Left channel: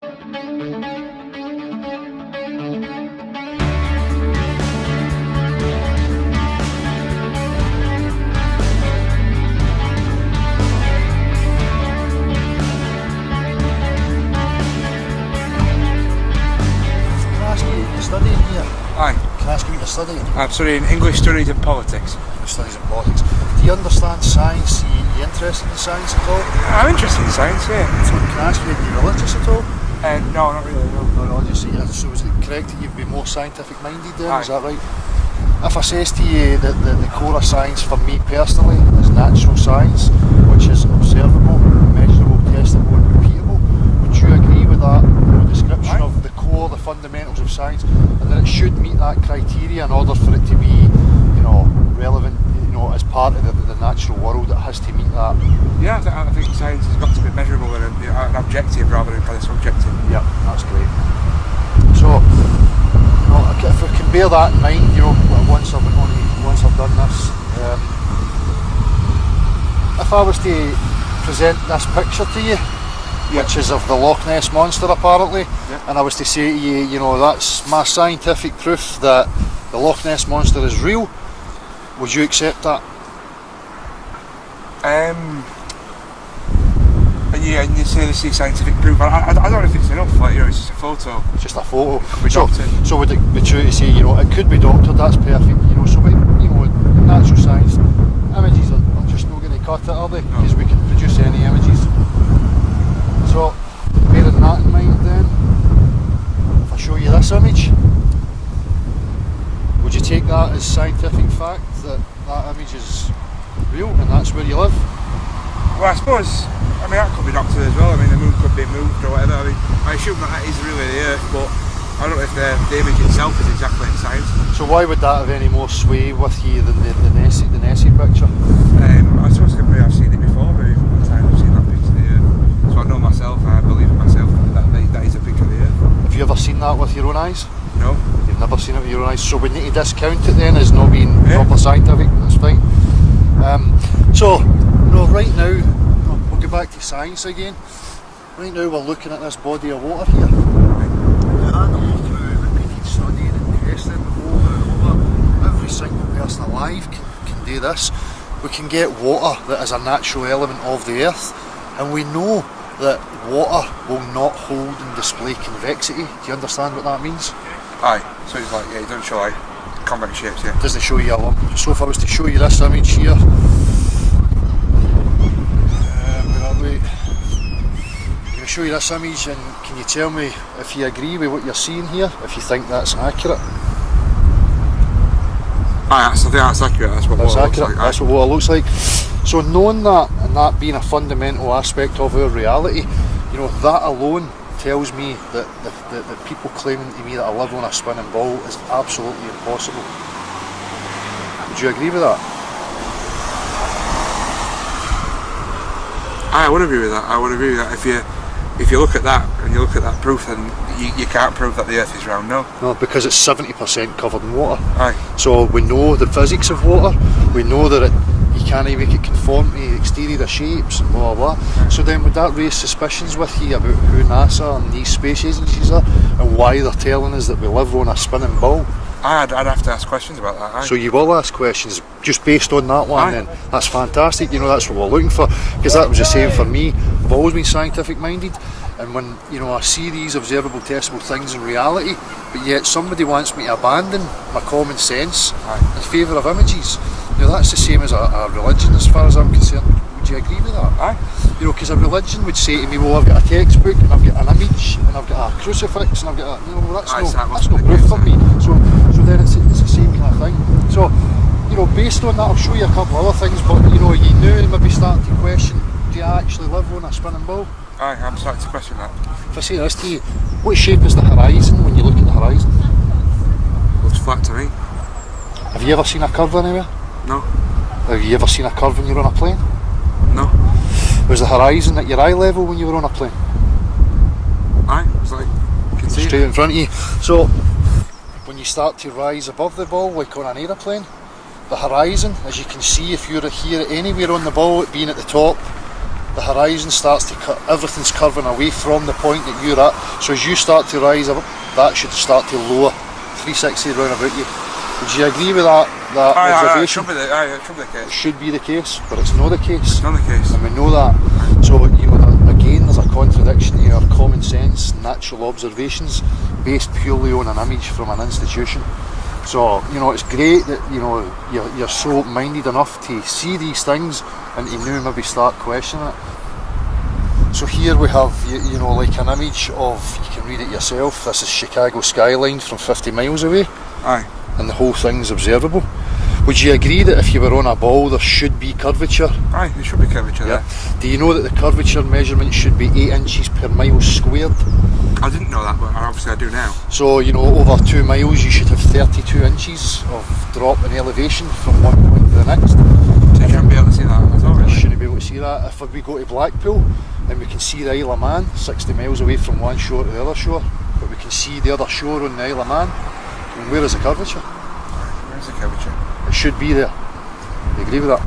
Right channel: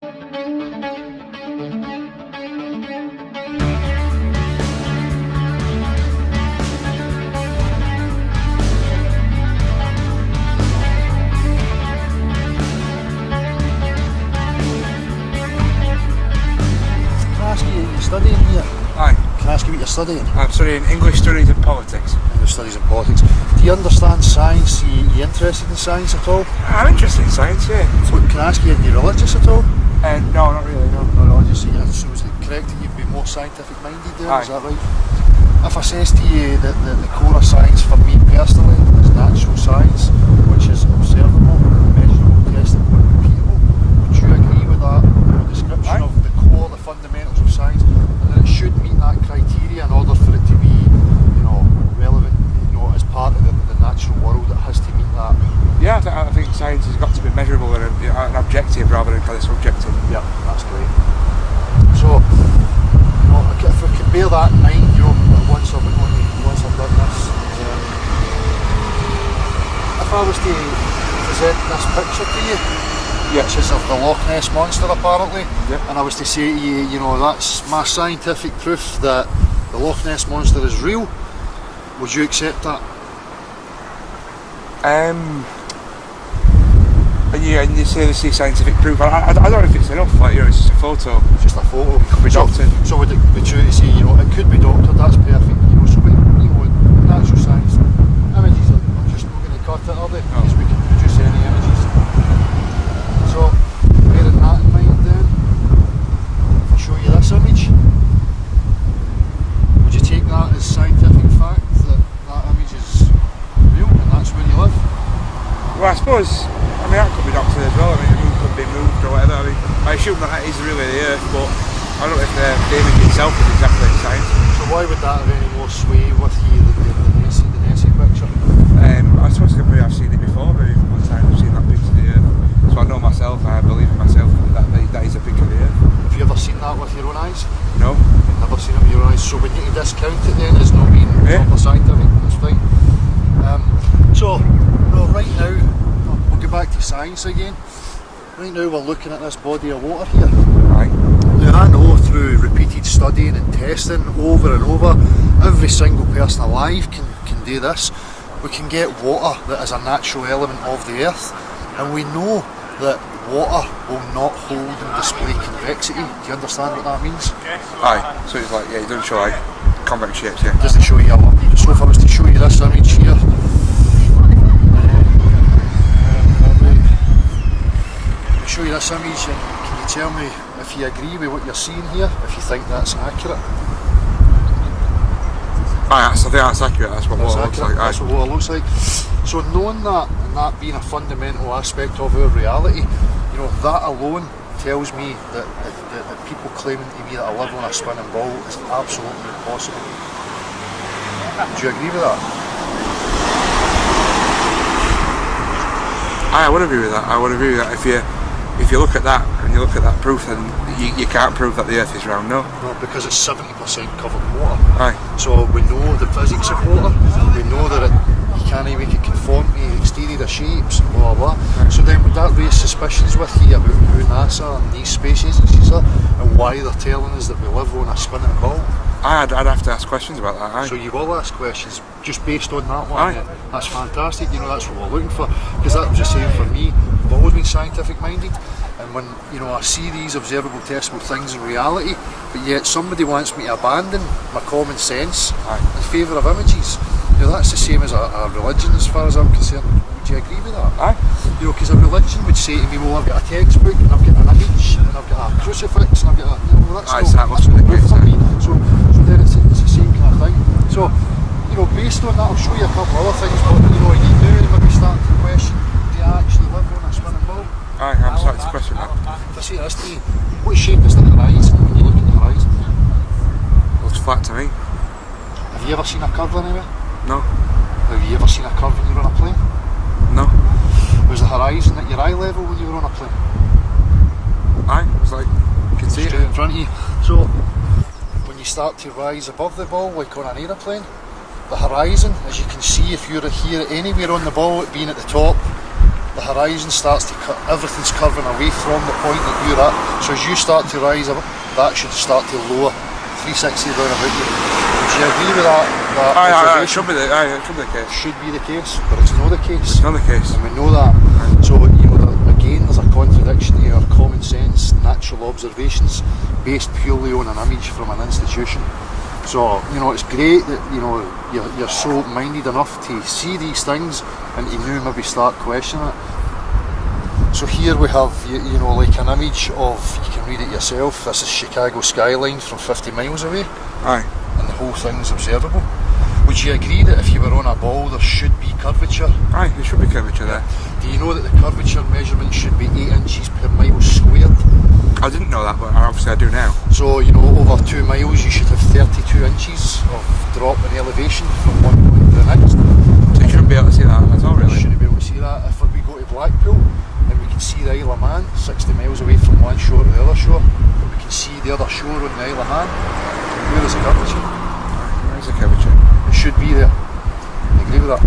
Studying here? Aye. Can I ask you what you're studying? I'm studying English Studies and Politics. English Studies and Politics. Do you understand science? Are you interested in science at all? I'm interested in science, yeah. So can I ask you, are you religious at all? No, not really, no. Not religious, so is it correct that you'd be more scientific minded then? Aye. Is that right? If I says to you that the core of science for me personally is natural science, which is observable, measurable, testable and repeatable, would you agree with that description of the core, the fundamentals of science, and that it should meet that criteria in order for it to be, relevant, as part of the natural world, it has to meet that? Yeah, I think science has got to be measurable and an objective rather than kind of subjective. Yeah, that's great. So, if we can bear that in mind, once I've done this, if I was to present this picture to you, which is of the Loch Ness Monster apparently, and I was to say to you, that's my scientific proof that the Loch Ness Monster is real, would you accept that? And you say this is scientific proof. I don't know if it's enough. It's just a photo. It's just a photo. It could be doctored. So would it be true to say, it could be doctored? That's perfect. So with natural science, images are just not going to cut it, are they? Because we can produce any images. So bearing that in mind, then, if I show you this image, would you take that as scientific fact that image is real and that's where you live? Well, I suppose, that could be doctored as well. The moon could be moved or whatever. I assume that is really the Earth, but I don't know if the image itself is exactly in science. So why would that have any more sway with you than the Nessie picture? I suppose I've seen it before, maybe a couple of times I've seen that picture of the Earth. So I know myself, I believe in myself that is a picture of the Earth. Have you ever seen that with your own eyes? No. You've never seen it with your own eyes, so we need to discount it then as not being proper scientific, that's fine. Right now, we'll go back to science again. Right now we're looking at this body of water here. Right. Now I know through repeated studying and testing over and over, every single person alive can do this. We can get water that is a natural element of the earth, and we know that water will not hold and display convexity. Do you understand what that means? Aye, so it's it doesn't show convex shapes, yeah. Doesn't show you a lump. So if I was to show you this image here, I'm going to show you this image, and can you tell me if you agree with what you're seeing here, if you think that's accurate? I think that's accurate. That's what water looks like. That's what water looks like. So knowing that, and that being a fundamental aspect of our reality, that alone tells me that people claiming to me that I live on a spinning ball is absolutely impossible. Would you agree with that? I would agree with that. I would agree with that. If you look at that and you look at that proof, then you can't prove that the Earth is round, no? No, because it's 70% covered in water. Aye. So we know the physics of water, we know that you can't even make it conform to exterior shapes and blah blah blah. Aye. So then would that raise suspicions with you about who NASA and these space agencies are and why they're telling us that we live on a spinning ball? I'd have to ask questions about that. Aye. So you will ask questions just based on that one. Then that's fantastic. That's what we're looking for, because that was the same for me. I've always been scientific minded, and when I see these observable, testable things in reality, but yet somebody wants me to abandon my common sense in favour of images. That's the same as a religion, as far as I'm concerned. Would you agree with that? Aye. Because a religion would say to me, well, I've got a textbook and I've got an image and I've got a crucifix and I've got that's no proof for me. So then it's the same kind of thing. So, based on that, I'll show you a couple of other things, but you maybe starting to question, do you actually live on a spinning ball? Aye, I'm starting to question that. If I say this to you, what shape is the horizon when you look at the horizon? Looks flat to me. Have you ever seen a curve anywhere? No. Have you ever seen a curve when you're on a plane? No. Was the horizon at your eye level when you were on a plane? Aye, it was you can see straight in front of you. So when you start to rise above the ball, like on an aeroplane, the horizon, as you can see if you're here anywhere on the ball, it being at the top, the the horizon starts to cut, everything's curving away from the point that you're at. So as you start to rise up, that should start to lower 360 round about you. Would you agree with that? It should be the case. Should be the case, but it's not the case. It's not the case. And we know that. So, again, there's a contradiction to our common sense, natural observations based purely on an image from an institution. So, it's great that, you're so open-minded enough to see these things and to now maybe start questioning it. So here we have, like an image of, you can read it yourself, this is Chicago skyline from 50 miles away. Aye. And the whole thing's observable. Would you agree that if you were on a ball there should be curvature? Aye, there should be curvature there. Do you know that the curvature measurement should be 8 inches per mile squared? I didn't know that, but obviously I do now. So, over 2 miles you should have 32 inches of drop in elevation from one point to the next. So you shouldn't be able to see that at all, really? You shouldn't be able to see that. If we go to Blackpool and we can see the Isle of Man 60 miles away from one shore to the other shore, but we can see the other shore on the Isle of Man, where is the curvature? Where is the curvature? It should be there. You agree with that?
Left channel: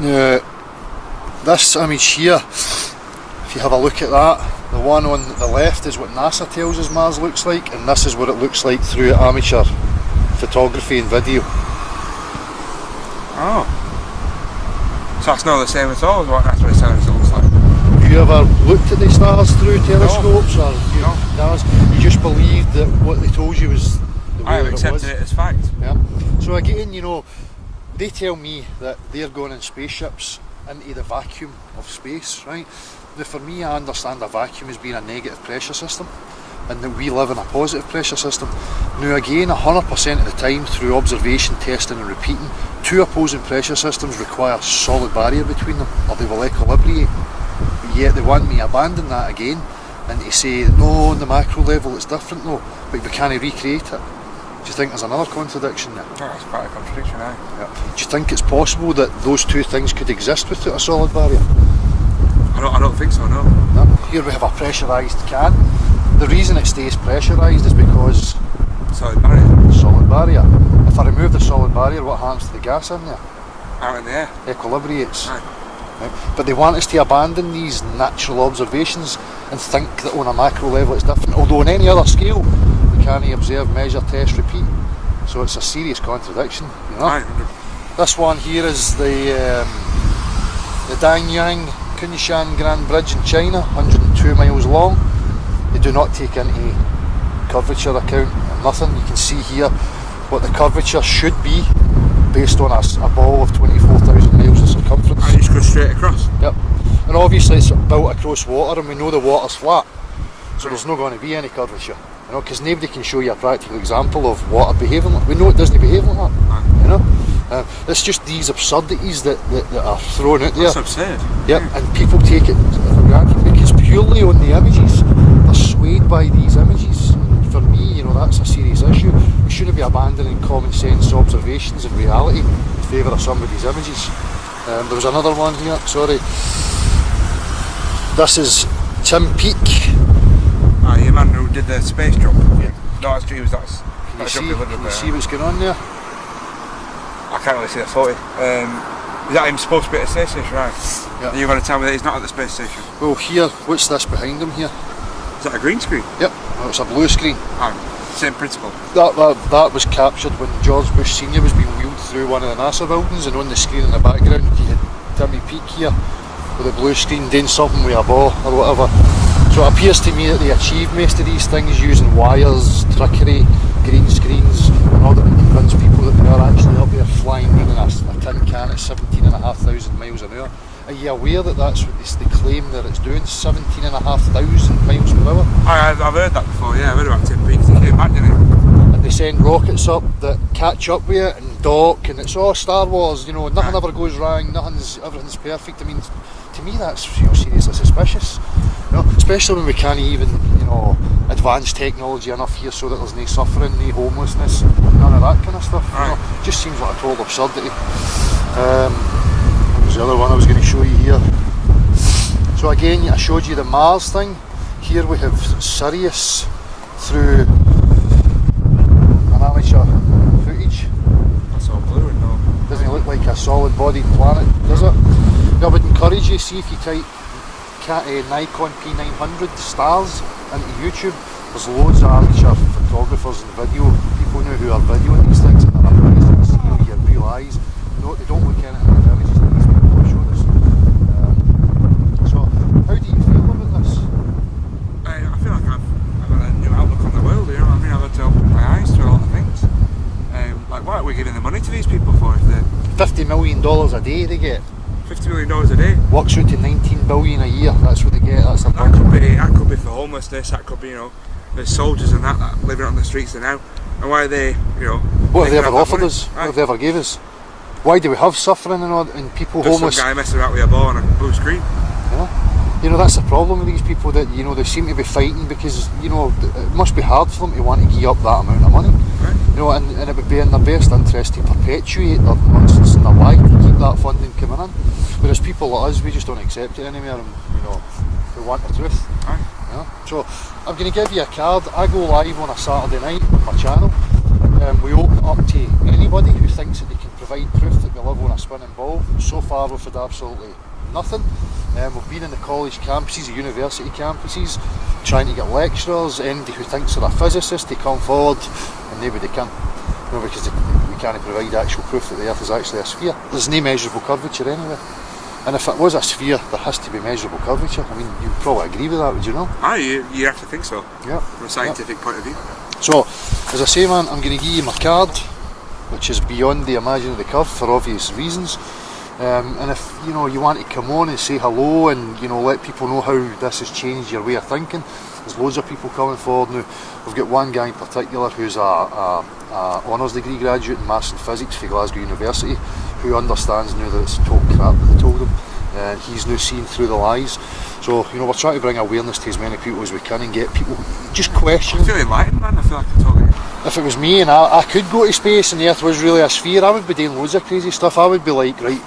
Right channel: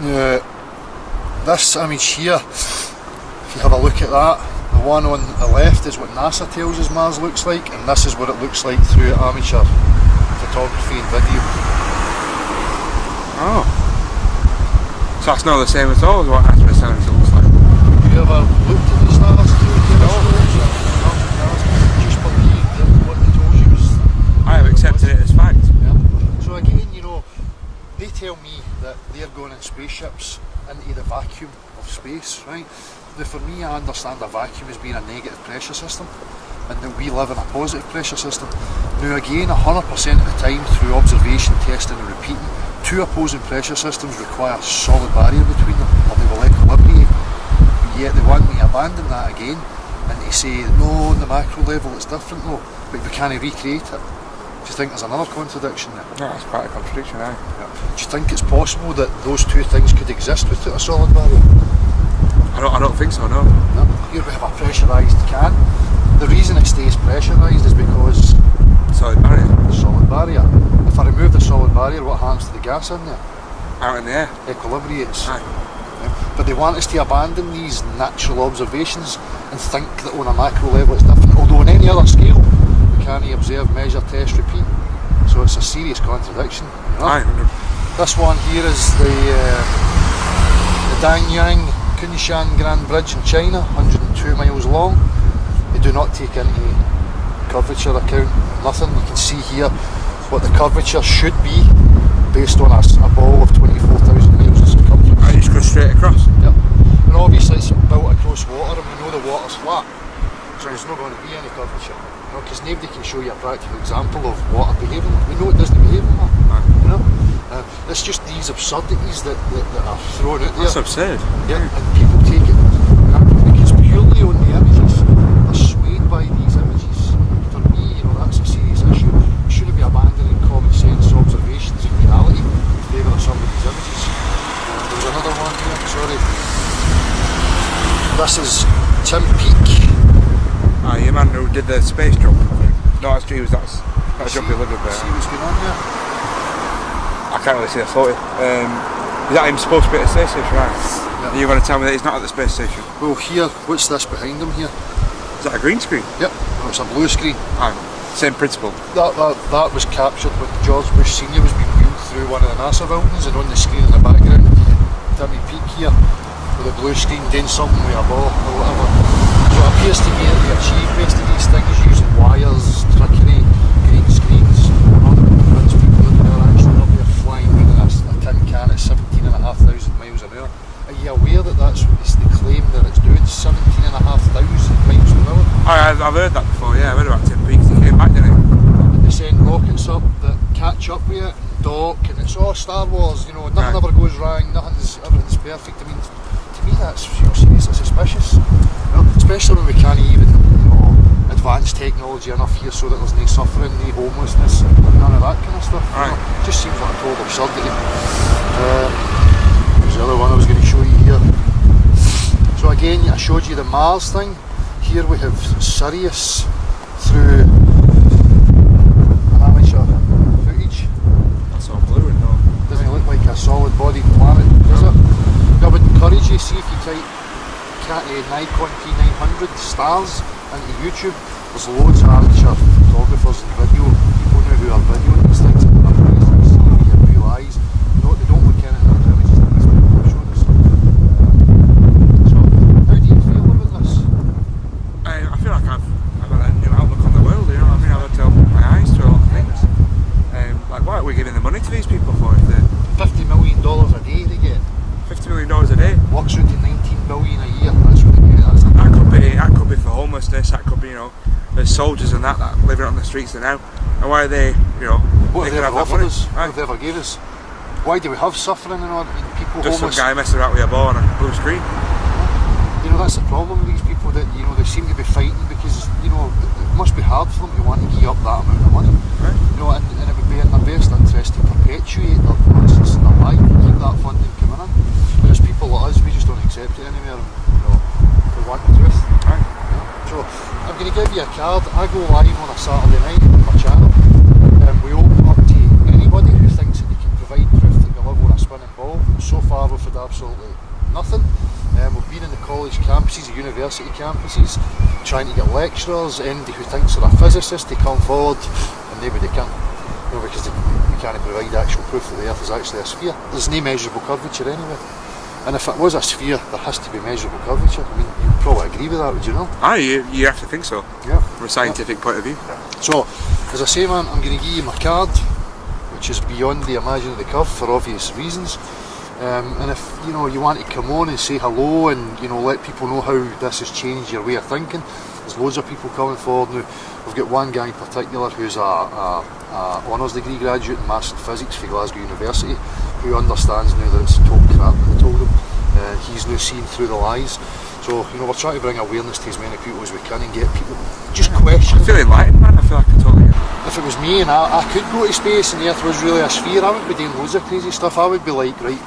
Now, this image here, if you have a look at that, the one on the left is what NASA tells us Mars looks like, and this is what it looks like through amateur photography and video. Oh. So that's not the same at all as what NASA is telling us it looks like? Have you ever looked at the stars through telescopes? No. You just believed that what they told you was the way I have accepted it as fact. Yeah. So again, they tell me that they're going in spaceships into the vacuum of space, right? Now for me, I understand a vacuum as being a negative pressure system, and that we live in a positive pressure system. Now again, 100% of the time, through observation, testing and repeating, two opposing pressure systems require a solid barrier between them, or they will equilibrate. But yet they want me to abandon that again, and to say, no, on the macro level it's different though, but we can't recreate it. Do you think there's another contradiction there? No, that's quite a contradiction, aye. Yeah. Do you think it's possible that those two things could exist without a solid barrier? I don't think so, no. No. Here we have a pressurised can. The reason it stays pressurised is because Solid barrier. solid barrier. If I remove the solid barrier, what happens to the gas in there? Out in the air. Equilibrates. Aye. Right. But they want us to abandon these natural observations and think that on a macro level it's different. Although on any other scale, we can't observe, measure, test, repeat. So it's a serious contradiction. Aye, 100%. This one here is the Danyang Kunshan Grand Bridge in China, 102 miles long. They do not take into curvature account, nothing. You can see here what the curvature should be based on a ball of 24,000 miles in circumference. I just go straight across. Yep. And obviously it's built across water, and we know the water's flat, so there's not going to be any curvature. Because nobody can show you a practical example of water behaving like. We know it doesn't behave like that. Aye. It's just these absurdities that are thrown out there. That's absurd. Yeah, and people take it for granted because purely on the images, they're swayed by these images. For me, that's a serious issue. We shouldn't be abandoning common sense observations and reality in favour of somebody's images. There was another one here, sorry. This is Tim Peake. Ah, your man who did the space jump. No, that's true. That's jump he lived up there. See what's going on there? I can't really see the photo. Is that him supposed to be at the space station, right? Yeah. You're going to tell me that he's not at the space station? Well, here, what's this behind him here? Is that a green screen? Yep, well, it's a blue screen. Ah, same principle. That was captured when George Bush Senior was being wheeled through one of the NASA buildings, and on the screen in the background you had Timmy Peake here with a blue screen doing something with a ball or whatever. So it appears to me that they achieved most of these things using wires, trickery, green screens, in order to convince people that they are actually up there flying around a tin can at 17,500 miles an hour. Are you aware that that's what they claim that it's doing, 17,500 miles per hour? I've heard that before, yeah, I've heard about Tim Peake. He came back, didn't he? And they send rockets up that catch up with it and dock, and it's all Star Wars, nothing ever goes wrong, everything's perfect. I mean, to me that's seriously suspicious, especially when we can't even advance technology enough here so that there's no suffering, no homelessness, none of that kind of stuff. It just seems like a total absurdity. There's the other one I was going to show you here. So again, I showed you the Mars thing. Here we have Sirius through an amateur footage. That's all blue and all. Doesn't it look like a solid-bodied planet, does it? I would encourage you, see if you type Nikon P900 stars into YouTube, there's loads of amateur photographers and video people now who are videoing these things, and they're amazing to see with your real eyes. No, they don't look in it in the images that these people have shown us. So, how do you feel about this? I feel like I've got a new outlook on the world, you know what I mean? I've had to open my eyes to a lot of things. Like, what are we giving the money to these people for? If they're $50 million a day they get. $50 million a day. Works out to 19 billion a year. That's what they get. That's That could be for homelessness. That could be, you know, there's soldiers and that living on the streets now. And why are they, you know? What have they ever offered money? us? Right. What have they ever gave us? Why do we have suffering and people Just homeless? some guy messing about with a ball on a blue screen. You know, that's the problem with these people, that, you know, they seem to be fighting because, you know, it must be hard for them to want to give up that amount of money. Right. You know, and it would be in their best interest to perpetuate their nonsense and their lie to keep that funding coming in. Whereas people like us, we just don't accept it anymore, and, you know, we want the truth. Right. You know? So I'm going to give you a card. I go live on a Saturday night on my channel. We open up to anybody who thinks that they can provide proof that we live on a spinning ball. So far we've had absolutely nothing. We've been in the college campuses, the university campuses, trying to get lecturers, anybody who thinks they're a physicist to come forward, and nobody can. You know, because we can't provide actual proof that the Earth is actually a sphere. There's no measurable curvature anywhere. And if it was a sphere, there has to be measurable curvature. I mean, you'd probably agree with that, would you not? Aye, you have to think so. Yeah. From a scientific point of view. So, as I say, man, I'm going to give you my card, which is beyond the imaginary curve for obvious reasons. And if, you know, you want to come on and say hello and, you know, let people know how this has changed your way of thinking, there's loads of people coming forward now. We've got one guy in particular who's a honours degree graduate in maths and physics for Glasgow University, who understands now that it's total crap that they told him, and he's now seeing through the lies. So, you know, we're trying to bring awareness to as many people as we can and get people just questioning. I feel enlightened, man. I feel like I totally. If it was me and I could go to space and the Earth was really a sphere, I would be doing loads of crazy stuff. I would be like, right,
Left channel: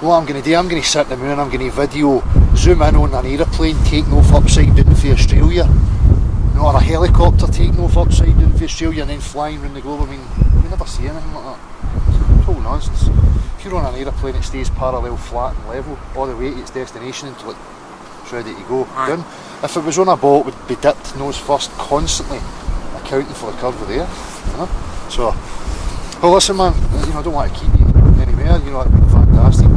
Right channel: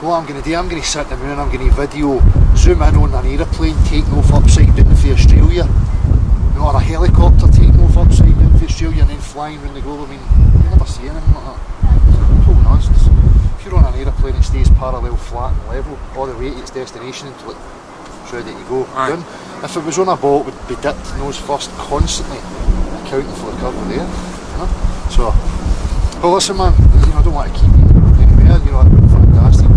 what I'm going to do, I'm going to sit in the moon, I'm going to video, zoom in on an aeroplane taking off upside down for Australia, you know, or a helicopter taking off upside down for Australia and then flying around the globe. I mean, you never see anything like that. It's total nonsense. If you're on an aeroplane, it stays parallel, flat and level all the way to its destination until it's ready to go down. If it was on a ball, it would be dipped nose first, constantly accounting for the curve of the Earth, you know? So, well, listen, man, you know, I don't want to keep you anywhere, you know, that'd be fantastic.